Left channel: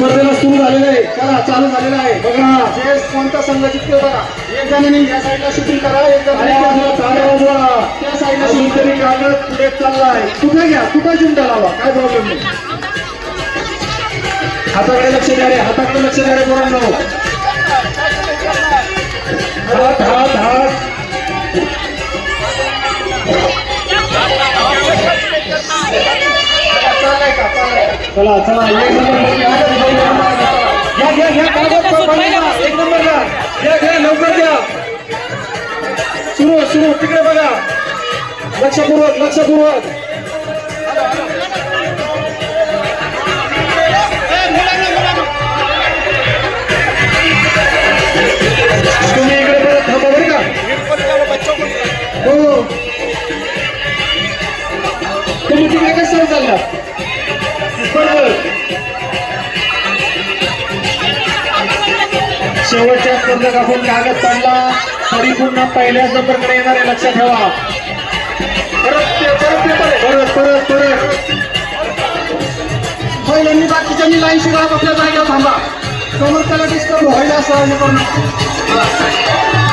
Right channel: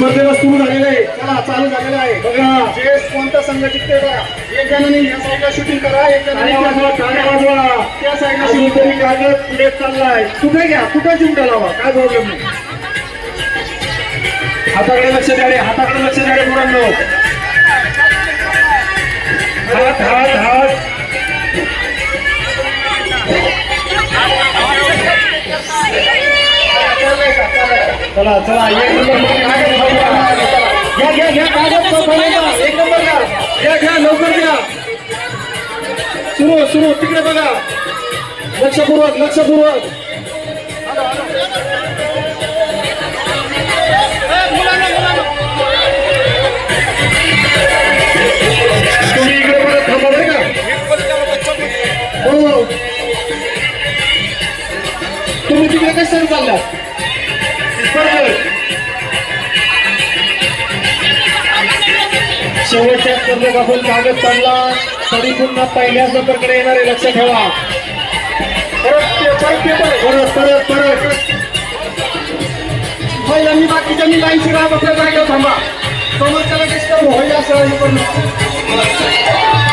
स्पर्धेला सुरू झालेलं आहे. चला चालू झालेलं आहे. बघा. जे कोणता संघ जिंकते बघा. एक जणांनी या साईडला शूटिंग करा एक जणांनी त्या साईडला वाजवा. त्या साईडला शूटिंग तरी कागद पुढे चाललाय. कुठे घ्या? कुठे चिमटा लावा काय प्रॉब्लेम नाही. हाताकडे लक्ष द्या रे हाताकडे लक्ष द्या रे पोरांनो. हात हात हात. चला चला. एक नंबर घ्या घ्या घ्या कागद. एक नंबर घ्या घ्या लवकर घ्या सुरू सुरू तिकडे बघा. लक्षपूर्वक लक्षपूर्वक. तुम्ही इकडे परत थांबा बरं का. हो. तुम्ही तिकडे कशाला चालला शेवटच्या स्पर्धेत आपण कागद काढला. तरी पुन्हा पहिल्याच नंबरकडे येणार आहे लक्षात ठेवा पहिल्यांनी बाकीच्यांनी लाईन शिरा आपल्या जागेवर थांबा. समोर त्याला डिस्टर्ब व्हायला असं हे करू नका.